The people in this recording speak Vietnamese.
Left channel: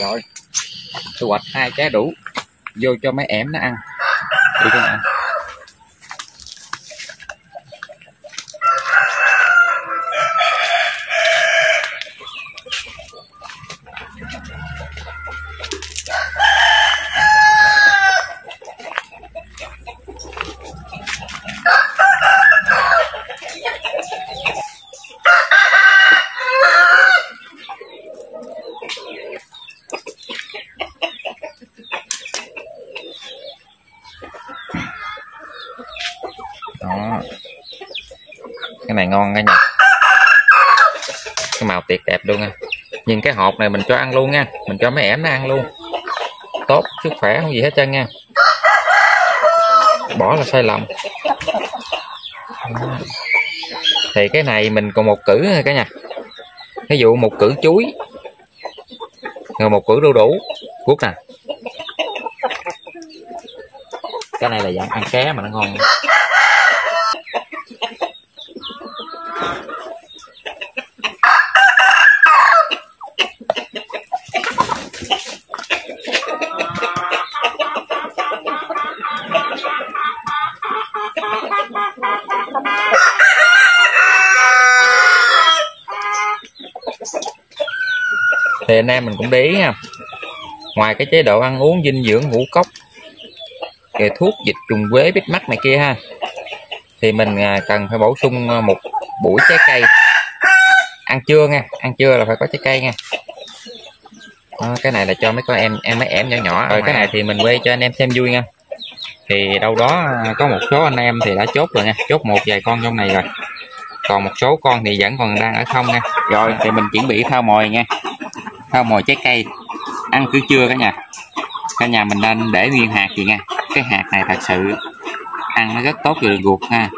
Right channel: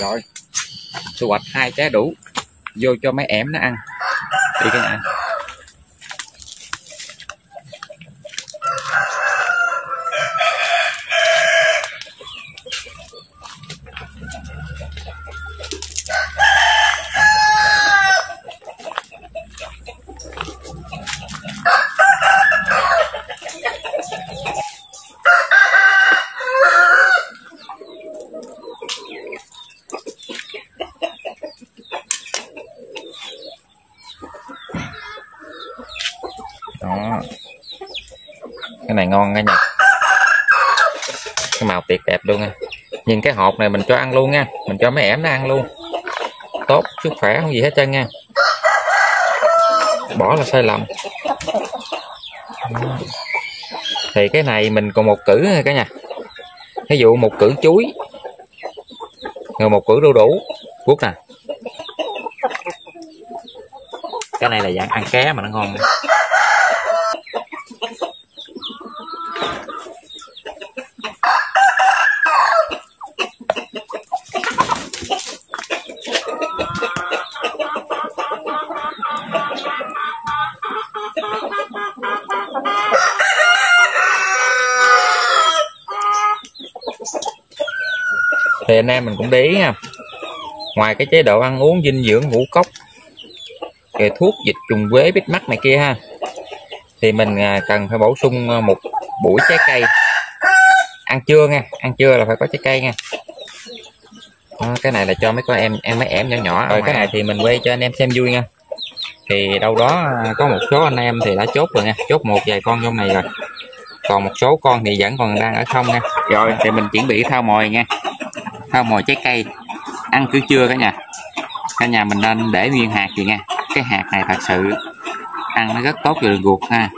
Rồi thu hoạch 2 trái đủ, vô cho mấy ẻm nó ăn đi các bạn. Đó, cái này ngon nha, cái màu tuyệt đẹp luôn nha. Nhưng cái hộp này mình cho ăn luôn nha, mình cho mấy ẻm nó ăn luôn, tốt sức khỏe không gì hết trơn nha, bỏ là sai lầm. Thì cái này mình còn một cử cả nhà, ví dụ một cử chuối rồi một cử đu đủ cuốc nè. Cái này là dạng ăn ké mà nó ngon. Thì anh em mình cũng để ý nha, ngoài cái chế độ ăn uống dinh dưỡng ngũ cốc, cái thuốc diệt trùng quế bít mắt này kia ha, thì mình cần phải bổ sung một buổi trái cây ăn trưa nha, ăn trưa là phải có trái cây nha. Đó, cái này là cho mấy con mấy em nhỏ nhỏ. Rồi cái này thì mình quay cho anh em xem vui nha. Thì đâu đó có một số anh em thì đã chốt rồi nha, chốt một vài con trong này rồi, còn một số con thì vẫn còn đang ở không nha. Rồi thì mình chuẩn bị thao mồi nha, thao mồi trái cây ăn cứ trưa cả nhà mình nên để nguyên hạt gì nha. Cái hạt này thật sự ăn nó rất tốt cho đường ruột ha.